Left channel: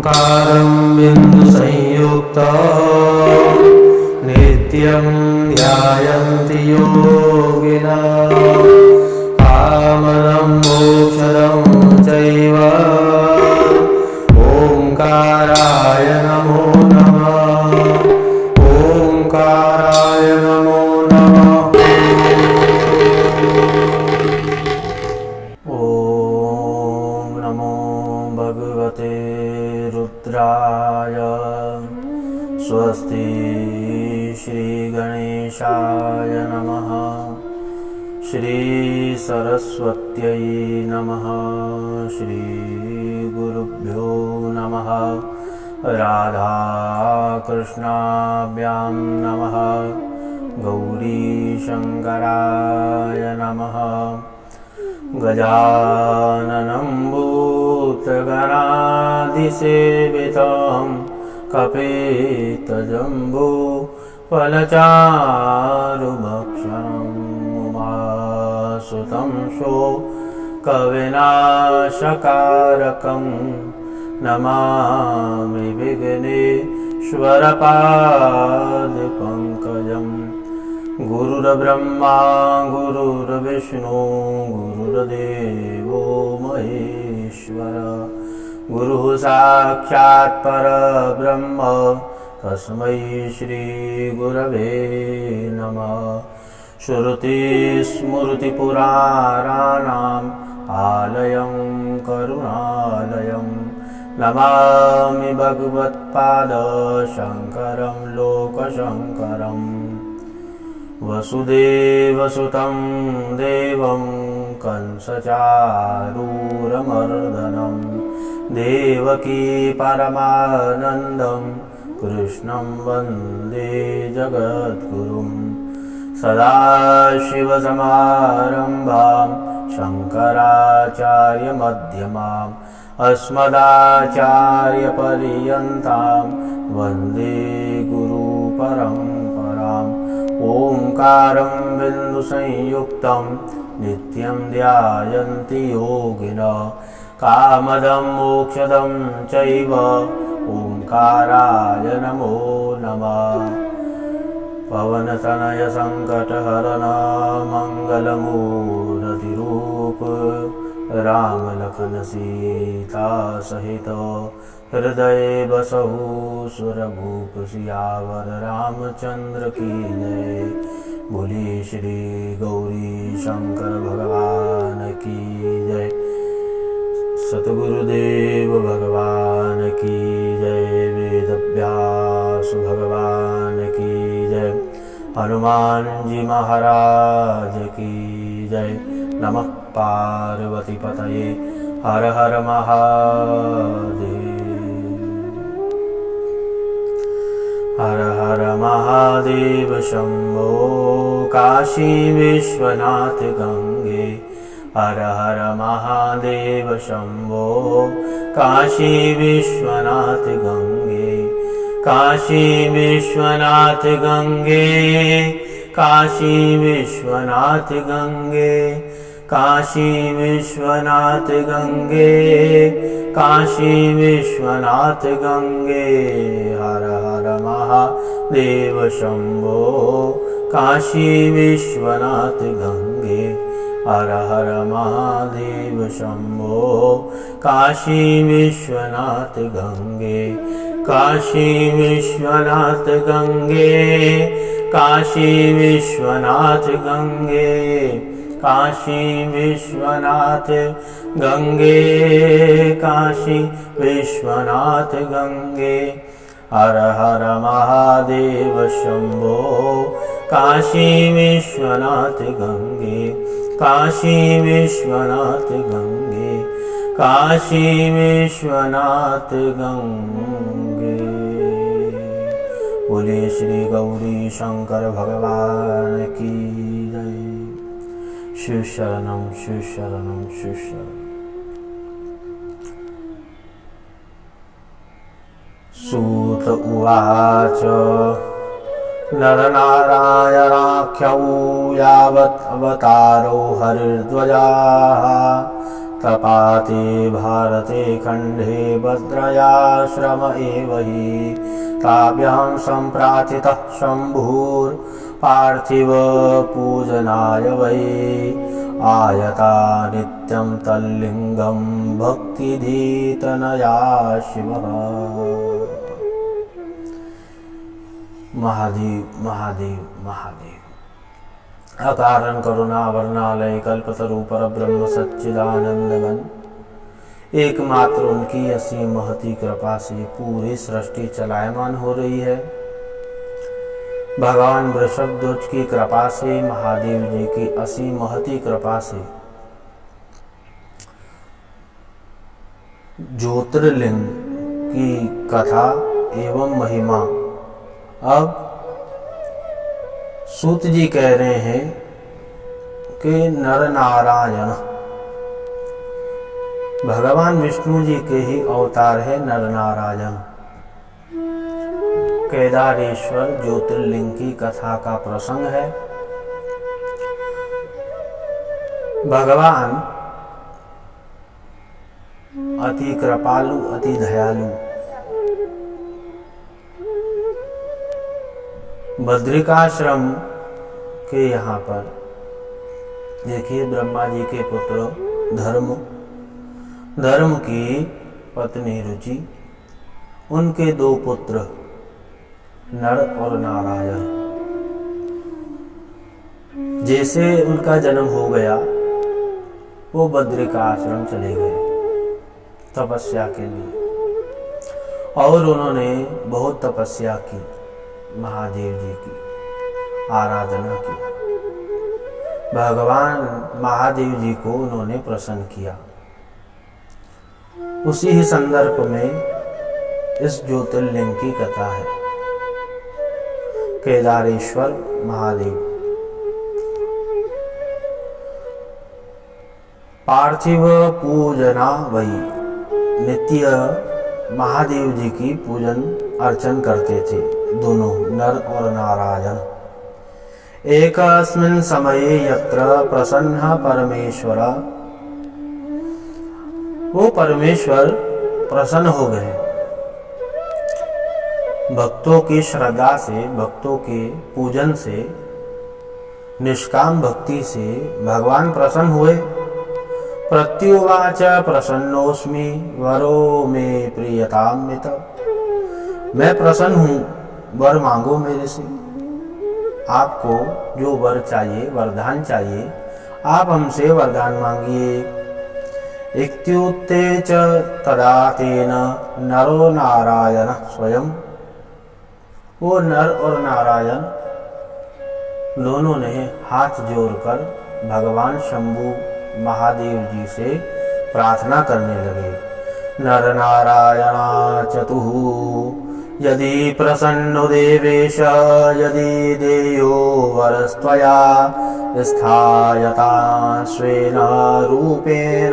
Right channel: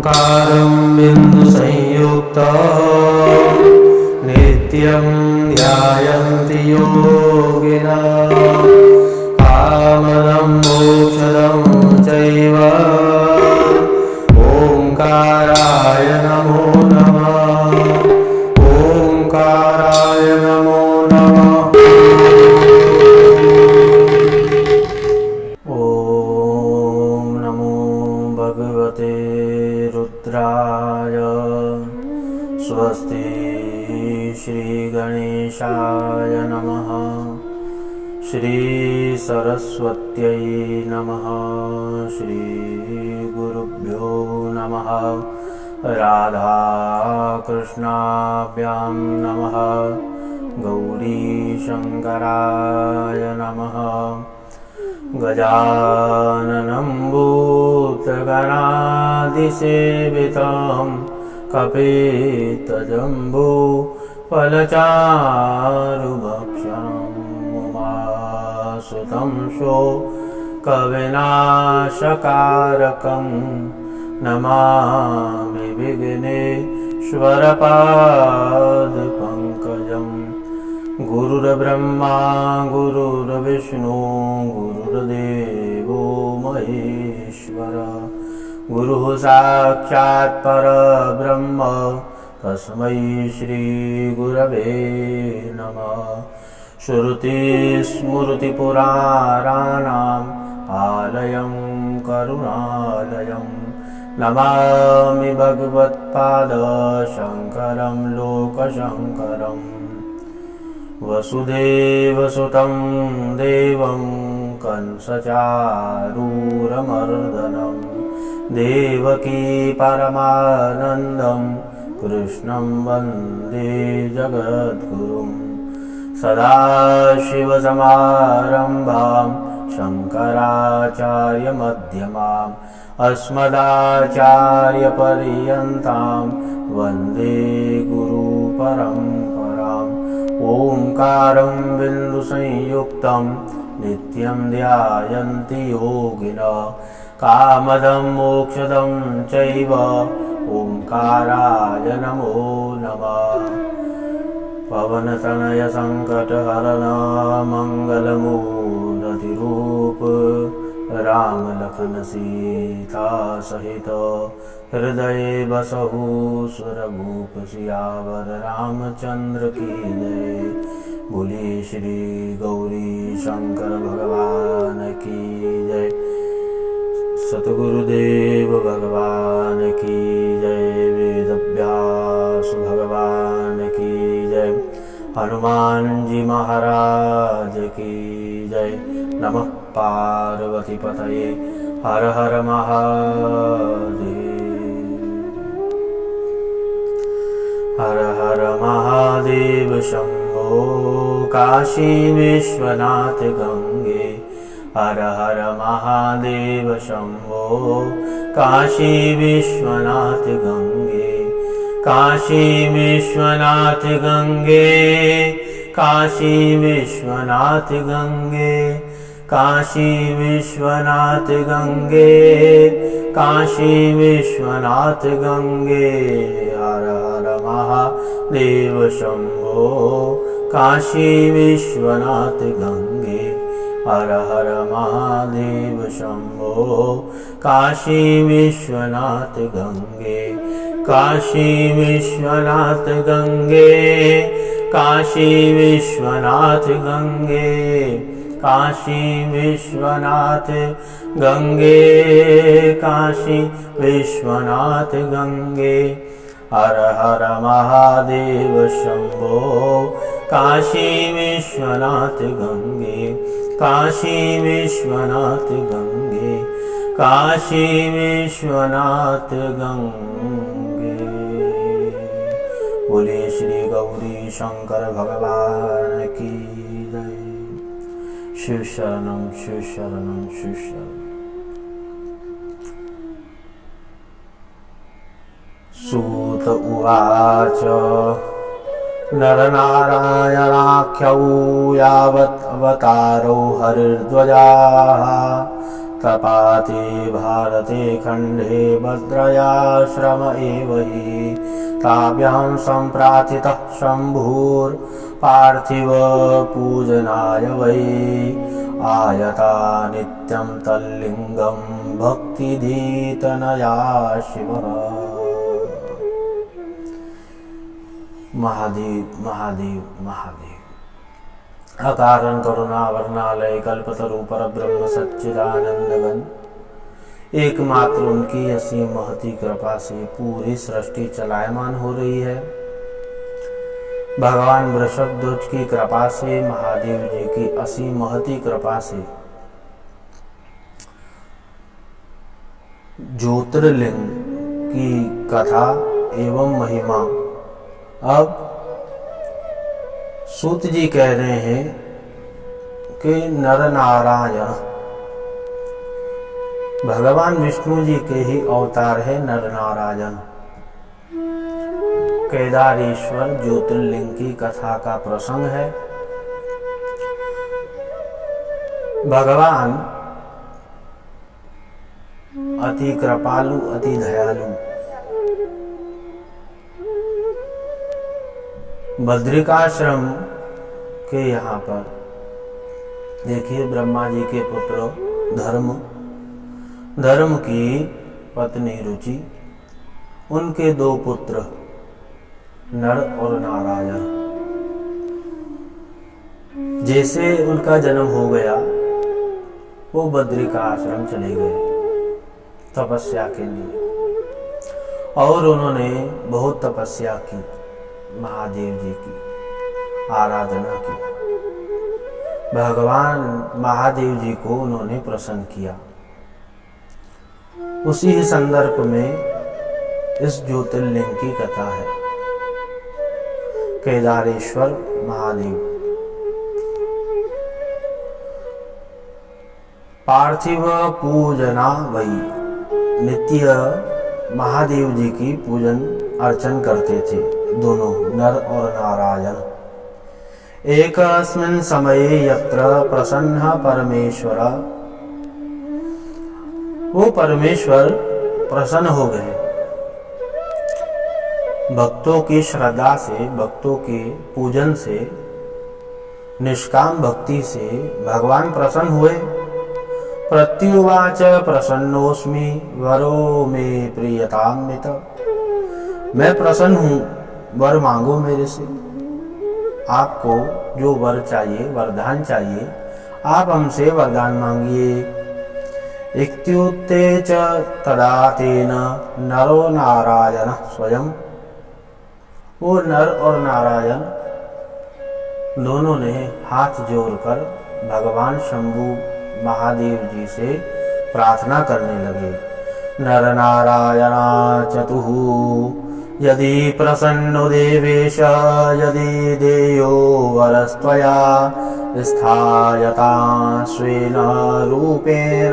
ओंकारं बिन्दुसंयुक्तं नित्यं ध्यायन्ति योगिनः कामदं मोक्षदं चैव ओंकाराय नमो नमः। ओंकाराय नमो नमः। ओम नमो भगवते रुद्राय। स्वस्ति श्री गणेशाय नमः। श्री सरस्वत्यै नमः। श्री गुरुभ्यो नमः। राधा कृष्णाभ्यां नमः। गौरी शंकराय नमः। गजाननं भूतगणाधिसेवितं कपितजम्बो फलचारुभक्षणं उमासुतं शोकविनाशकारकं नमामि विघ्नेश्वरपादपङ्कजं। गुरुर्ब्रह्मा गुरुर्विष्णु गुरुर्देवो महेश्वर। गुरुः साक्षात् परब्रह्म तस्मै श्री गुरवे नमः। श्रुतिस्मृतिपुराणानाम् आलयं करुणालयं नमामि भगवत्पाद शङ्करं लोकशङ्करम्। वसुदेवसुतं देवं कंसचारूरमर्दनं देवकी परमानन्दं कृष्णं वन्दे जगद्गुरुं। सदाशिवसमारम्भां शङ्कराचार्यमध्यमाम् अस्मदाचार्यपर्यन्तां वन्दे गुरुपरम्पराम्। ओंकारं बिन्दुसंयुक्तं नित्यं ध्यायन्ति योगिनः कामदं मोक्षदं चैव ओंकाराय नमो नमः। पवनतनय संकटहरण मंगलमूर्तिरूप राम लखन सीता सहित हृदय बसहु सुरभूप सियावर रामचंद्र की जय। बोली श्री गौरी शंकर भगवान की जय। सतगुरुदेव भगवान की जय। वेदव्यास भगवान की जय। हनुमान जी महाराज की जय। नमः पार्वती पतये। हर हर महादेव। हर हर महादेव शंभो काशी विश्वनाथ गंगे। हर हर महादेव शंभो काशी विश्वनाथ गंगे। काशी विश्वनाथ गंगे। काशी विश्वनाथ गंगे। काशी विश्वनाथ गंगे। काशी विश्वनाथ गंगे। हर हर महादेव शंभो काशी विश्वनाथ गंगे। हर हर महादेव शंभो काशी विश्वनाथ गंगे। काशी विश्वनाथ गंगे। काशी विश्वनाथ गंगे। काशी विश्वनाथ गंगे। काशी विश्वनाथ गंगे। हर हर महादेव शंभो काशी विश्वनाथ गंगे। काशी विश्वनाथ गंगे। काशी विश्वनाथ गंगे। बोले श्री गौरी शंकर भगवान की जय। शिव शरणं शिव शरणं शिव शरणं। सूत उवाच नरनारायणाख्यौ यावत् अवतारो हरिर्ध्वजाः तपाति भारते खंडे भद्रयाश्रम एव हि ताभ्यां सम्प्रार्थितः शम्भुर्पार्थिव पूजनाय वै आयता नित्यं तल्लिंगं भक्तिधीतनया शिवः। महादेव महादेव महादेव। अकारण करुणा वर्णालय कल्पतरु परब्रह्म सच्चिदानंदघन, एकमात्र उनकी असीम महती कृपा से पूरी सृष्टि चलायमान हो रही है। भगवान वृषभध्वज की कृपा से, महादेव जी की असीम महती कृपा से ज्योतिर्लिंग की कथा एवं महिमा अब सूत जी कह रहे हैं कि नर नारायण भगवान विष्णु जी के ही अवतार है नर नारायण। केदारेश्वर ज्योतिर्लिंग की कथा का प्रसंग है। भगवान अति कृपालु अति दयालु, बद्रिकाश्रम के यहाँ पर देखिए, ब्रह्मा जी के पुत्र धर्म की पत्नी रुचि, उनके दो पुत्र नर और नारायण। जैसे उनका जन्म हो गया वो बद्रिका आश्रम चले गए तपस्या के लिए, और उन्होंने बहुत तपस्या की, महादेव जी की आराधना की। भगवान महादेव जी को उन्होंने प्रसन्न किया। उसी ही संदर्भ में इस ज्योतिर्लिंग की कथा है। केदारेश्वर महादेव पार्थिव पूजना वही नित्य महादेव जी की पूजन अर्चन करते थे, दोनों नर और नारायण। एकस्मिन् समये यत्र प्रसन्न परमेश्वर, वो परमेश्वर प्रसन्न हो गए। भक्तों की श्रद्धा से, भक्तों के पूजन से, निष्काम भक्ति से भगवान प्रसन्न हुए। प्रत्युवाच प्रसन्नोस्मि वरो मे प्रियताम्यत, मैं प्रसन्न हूँ, वर मांगो मेरे से। आपको जो वर चाहिए, वरदान चाहिए, आप हमसे वरदान मांगिए। इत्युक्ते च तदा तेन नरो नारायण स्वयं, वो नर और नारायण दोनों ने हाथ जोड़कर भगवान शंभु महादेव जी से प्रार्थना करने लगे। नर नारायण चतुः यदि प्रसन्नो देवेश, यदि देयो वरस्त्वया स्थायता स्वेन रूपेण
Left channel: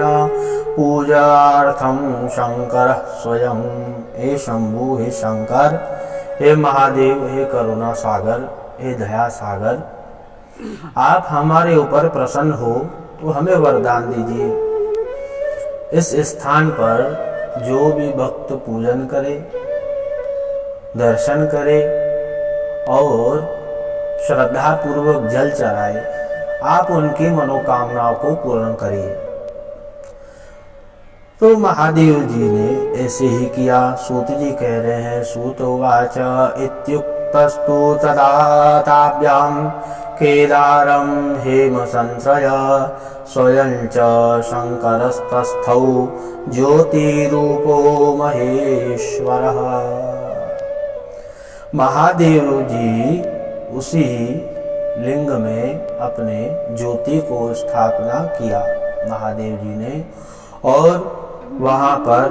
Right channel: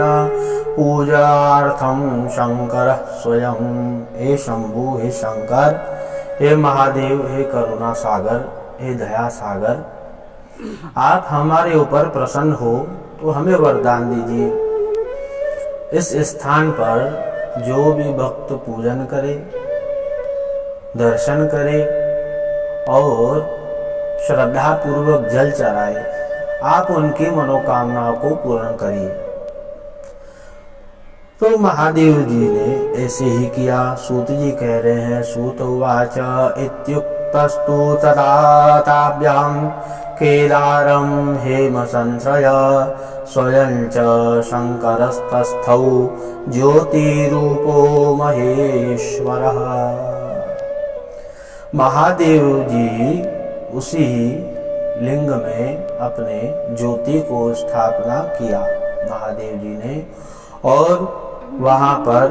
पूजार्थं शंकर स्वयं। हे शंभु, हे शंकर, हे महादेव, हे करुणा सागर, हे दया सागर, आप हमारे ऊपर प्रसन्न हो तो हमें वरदान दीजिए। इस स्थान पर जो भी भक्त पूजन करे, दर्शन करे और श्रद्धा पूर्वक जल चढ़ाए, आप उनकी मनोकामनाओं को पूर्ण करिए। तो महादेव जी ने ऐसे ही किया। सूत जी कह रहे हैं, सूत उवाच इत्युक्तस्तु तदा ताभ्यां केदारं हेम संश्रय स्वयं च शंकरस्तस्थौ ज्योतिरूपो महेश्वरः। महादेव जी उसी लिंग में अपने ज्योति को स्थापना किया महादेव जी ने, और वहाँ पर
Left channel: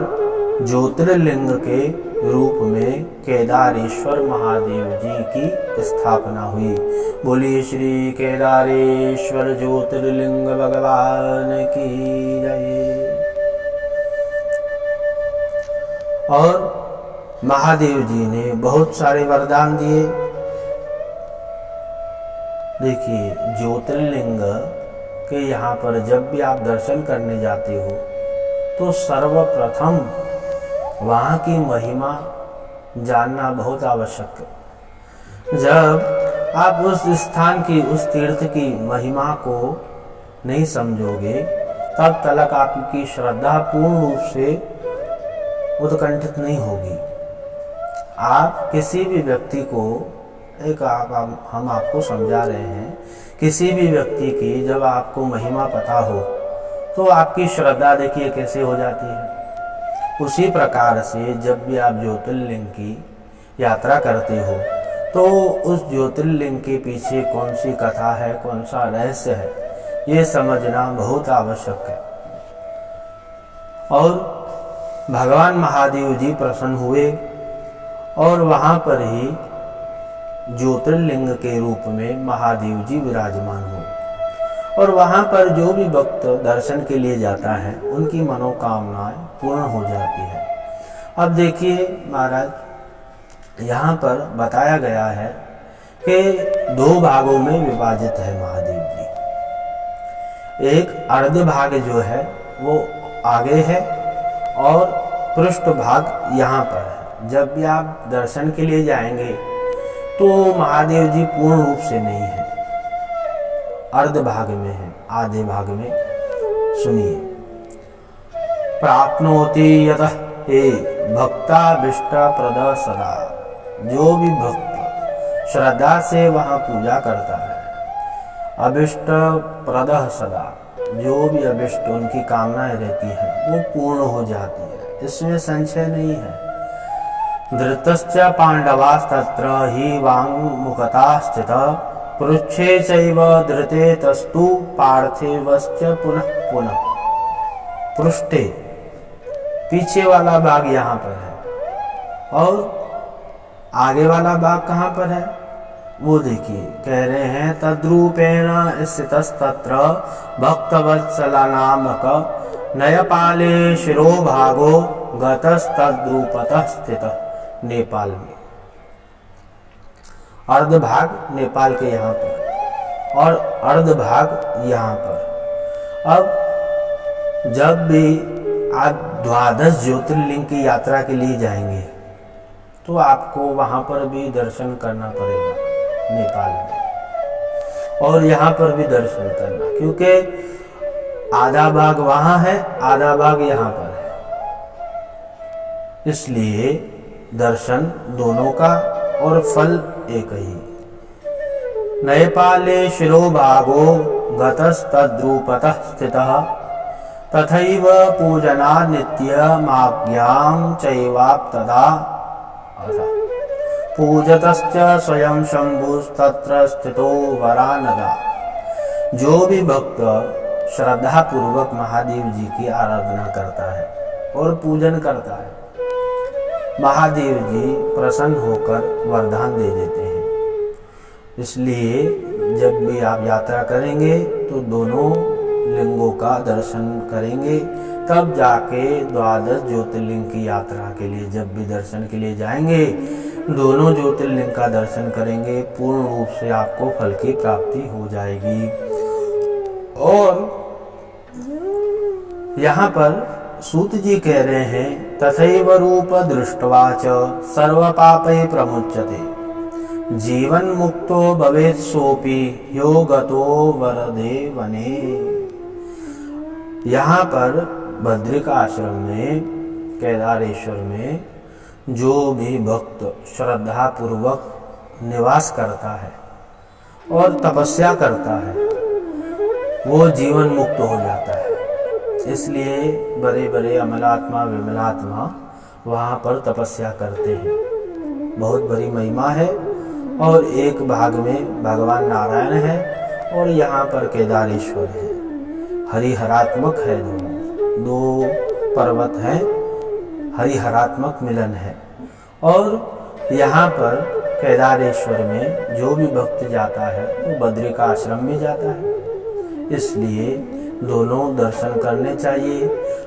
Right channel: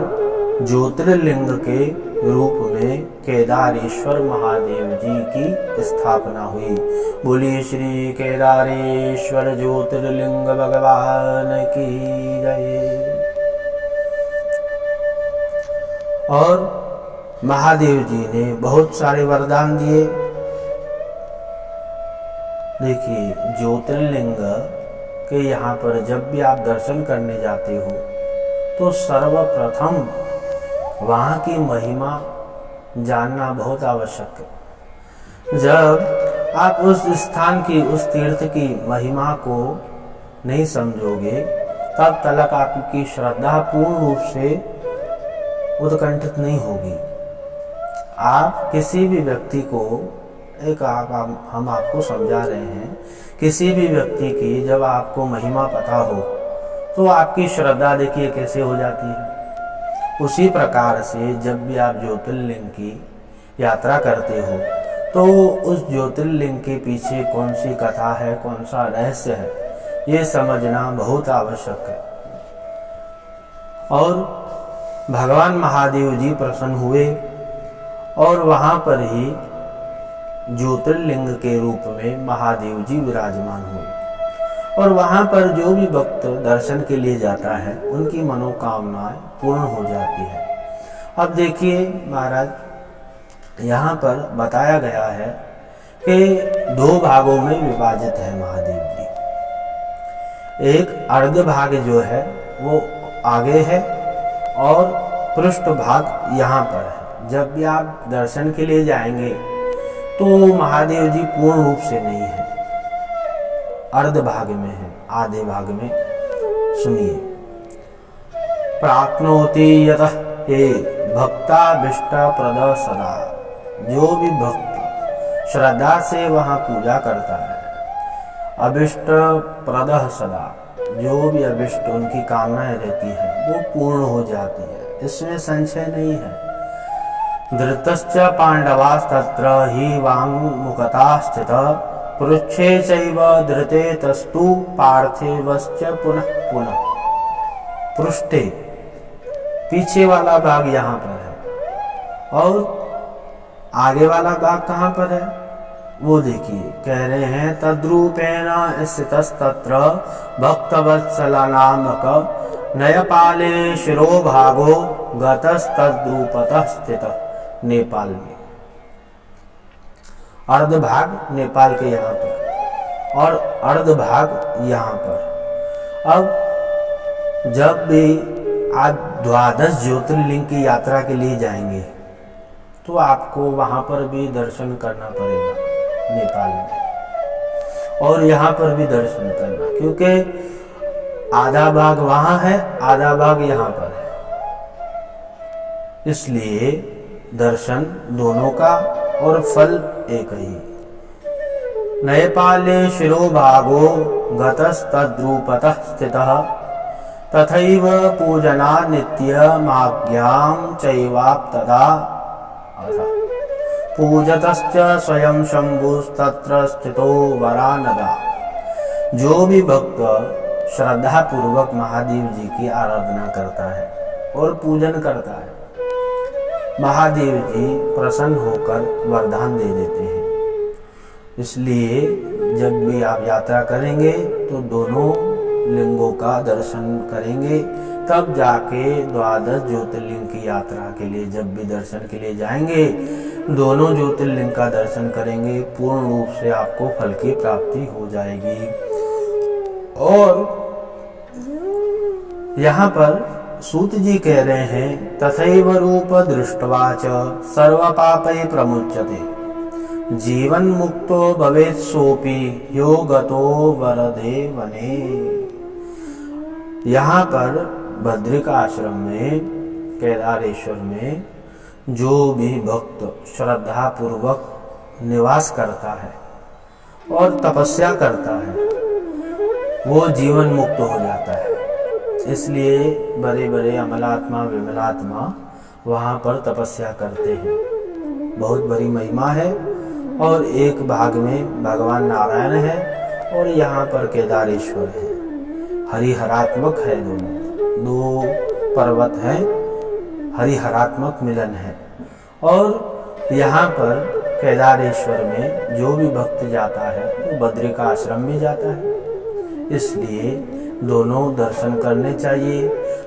ज्योतिर्लिंग के रूप में केदारेश्वर महादेव जी की स्थापना हुई। बोलिए श्री केदारेश्वर ज्योतिर्लिंग भगवान की जय। और महादेव जी ने बहुत सारे वरदान दिए। देखिए, ज्योतिर्लिंग कि यहाँ पर जब भी आप दर्शन करने जाते हो तो सर्वप्रथम वहाँ की महिमा जानना बहुत आवश्यक है। जब आप उस स्थान की, उस तीर्थ की महिमा को नहीं समझोगे तब तक आपकी श्रद्धा पूर्ण रूप से उत्कंठित नहीं होगी। आप किसी भी व्यक्ति को हम आपको समझा रहे हैं, किसी भी व्यक्ति की जब आपको महिमा पता हो तो आपकी श्रद्धा देखिए कैसे हो जाती है। उसी प्रकार से जब भी आप ज्योतिर्लिंग की यात्रा करते हो तो उस ज्योतिर्लिंग के पीछे कौन सी कथा है, कौन सा रहस्य है, ये समझना बहुत आवश्यक है। और भगवान महादेव जी प्रसन्न हुए और वहाँ पर ही ज्योतिर्लिंग के रूप में महादेव जी विराजमान हुए। और वहाँ पर जो भी भक्त दर्शन के लिए जाता है उनकी मनोकामनाएं पूर्ण हो जाती है। अब देखिए महाराज, यहाँ पर बताया गया है कि 2 भागों में विभाजित है महादेव जी। एक अर्ध भाग जो है वो आगे है और पृष्ठ भाग यहाँ पर है। जब भी आप दर्शन के लिए जाएंगे तो महादेव जी पूर्ण रूप से नहीं है, अर्ध भाग में है, आधे भाग में। सुनिए, प्राप्नोति यतः हे भक्ताभीष्ट प्रद सदा। जो भी भक्त श्रद्धा से वहाँ पूजा करता है, अभीष्ट प्रद सदा, जो भी अभीष्ट उनकी कामनाएं रहती हैं वो पूर्ण हो जाती है, इसमें संशय नहीं है। धृतश्च पांडवास्तत्र हि वाङ्मुखता स्थितः पृच्छे चैव धृते तस्तु पार्थिवश्च पुनः पुनः। पृष्ठे पीछे वाला भाग यहाँ पर है और आगे वाला भाग कहाँ पर है वो देखिए। कह रहे हैं तद्रूपेण स्थितस्तत्र भक्तवत्सला नामक नयपाले शिरोभागो गतस्तद्रूपतः स्थितः। नेपाल में अर्ध भाग नेपाल के यहाँ पर और अर्ध भाग यहाँ पर। अब जब भी आप 12 ज्योतिर्लिंग की यात्रा के लिए जाएंगे तो आपको वहाँ पर भी दर्शन करना पड़ेगा नेपाल में, और यहाँ पर भी दर्शन करना, क्योंकि आधा भाग वहाँ है, आधा भाग यहाँ पर है। इसलिए दर्शन दोनों का और फल एक ही। नयपाले शिरोभागो गतस्तद्रूपतः स्थितः तथैव पूजना नित्यमाज्ञां चैवाप्तदा अथ पूजतश्च स्वयं शंभुस्तत्र स्थितो वरानदा। जो भी भक्त श्रद्धा पूर्वक महादेव जी की आराधना करता है और पूजन करता है, महादेव जी प्रसन्न होकर वरदान दे देते हैं। इसलिए जब भी आप यात्रा करेंगे तो दोनों लिंगों का दर्शन करेंगे, तब जाके 12 ज्योतिर्लिंग की यात्रा के लिए जब भी दर्शन के लिए जाएंगे दोनों ज्योतिर्लिंग का दर्शन करेंगे, पूर्ण रूप से आपको फल की प्राप्ति हो जाएगी। और यहाँ पर सूत जी कह रहे हैं तथैव रूप दृष्ट्वा च सर्व पापै प्रमुच्यते जीवन मुक्तो भवेत् सोपि यो गतो वरदे वने। यहाँ पर बद्रिका आश्रम में, केदारेश्वर में जो भी भक्त श्रद्धा पूर्वक निवास करता है और तपस्या करता है वो जीवन मुक्त हो जाता है। इसलिए बड़े बड़े अमलात्मा विमलात्मा वहाँ पर तपस्या करते हैं। बहुत बड़ी महिमा है। और एक भाग में भगवान नारायण है और यहाँ पर केदारेश्वर है। हरिहरात्मक है, दो पर्वत हैं, हरिहरात्मक मिलन है। और यहाँ पर केदारेश्वर में जो भी भक्त जाता है वो बद्रिका आश्रम में जाता है। इसलिए दोनों दर्शन करने चाहिए।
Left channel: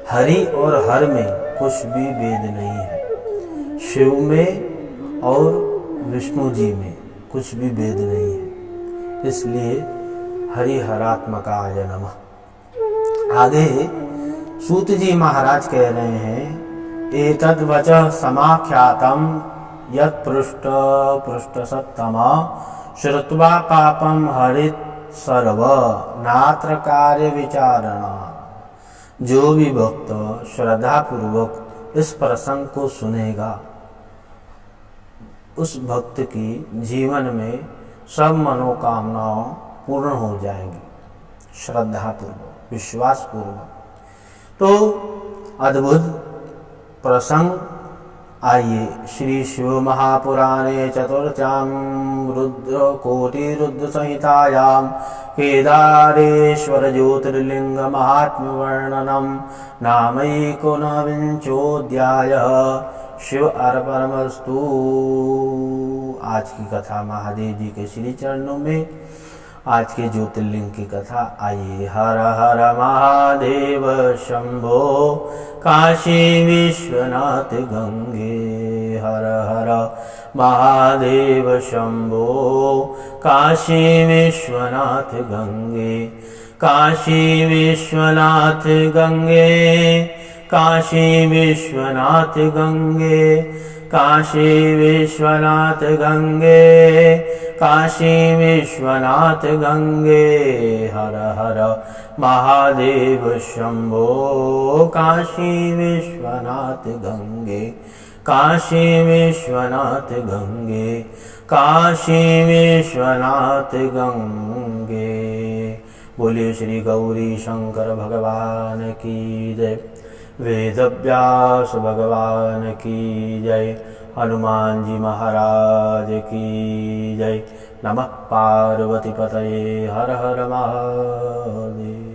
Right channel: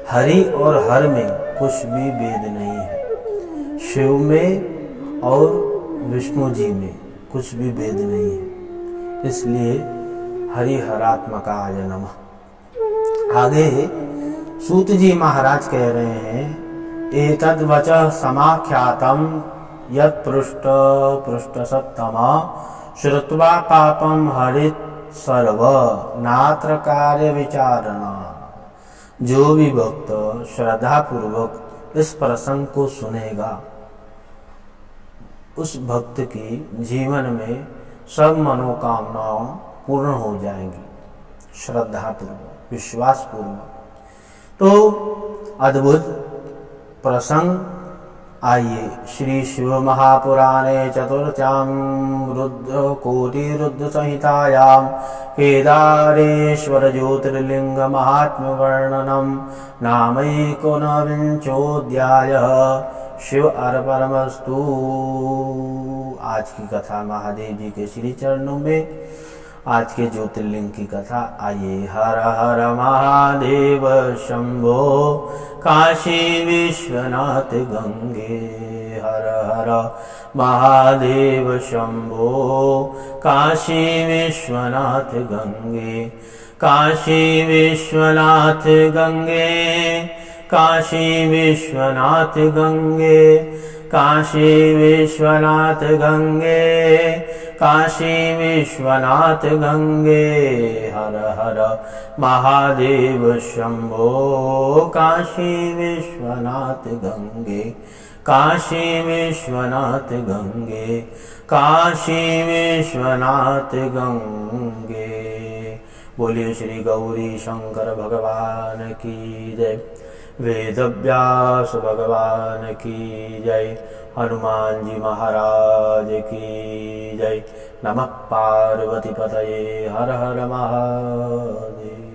हरि और हर में कुछ भी भेद नहीं है। शिव में और विष्णु जी में कुछ भी भेद नहीं है। इसलिए हरिहरात्मकाय नमः। आगे सूत जी महाराज कह रहे हैं, एतद् वचः समाख्यातम् यत् पृष्ठ पृष्ठसत्तम श्रुत्वा पापम हरित सर्व नात्र कार्य विचारणा। जो भी भक्त श्रद्धा पूर्वक इस प्रसंग को सुनेगा, उस भक्त की जीवन में सब मनोकामनाओं पूर्ण हो जाएंगी, श्रद्धा पूर्वक, विश्वास पूर्वक। तो अद्भुत प्रसंग, आइए श्री शिव महापुराणे चतुर्थ्यां रुद्रकोटि रुद्र संहितायां केदारेश्वर ज्योतिर्लिंग महात्म्य वर्णनम नामैकोनविंशोऽध्यायः। शिव अर्पणमस्तु। आज की कथा महादेव जी के श्री चरणों में, आज के ज्योतिर्लिंग की कथा। आइए। हर हर महादेव शंभो काशी विश्वनाथ गंगे। हर हर महादेव शंभो काशी विश्वनाथ गंगे। काशी विश्वनाथ गंगे, काशी विश्वनाथ गंगे, काशी विश्वनाथ गंगे, काशी विश्वनाथ गंगे। हर हर महादेव शंभो काशी विश्वनाथ गंगे। काशी विश्वनाथ गंगे, काशी विश्वनाथ गंगे। बोलिए श्री गौरी शंकर भगवान की जय। वेदव्यास भगवान की जय। हनुमान जी महाराज की जय। नमः पार्वती पतये। हर हर महादेव।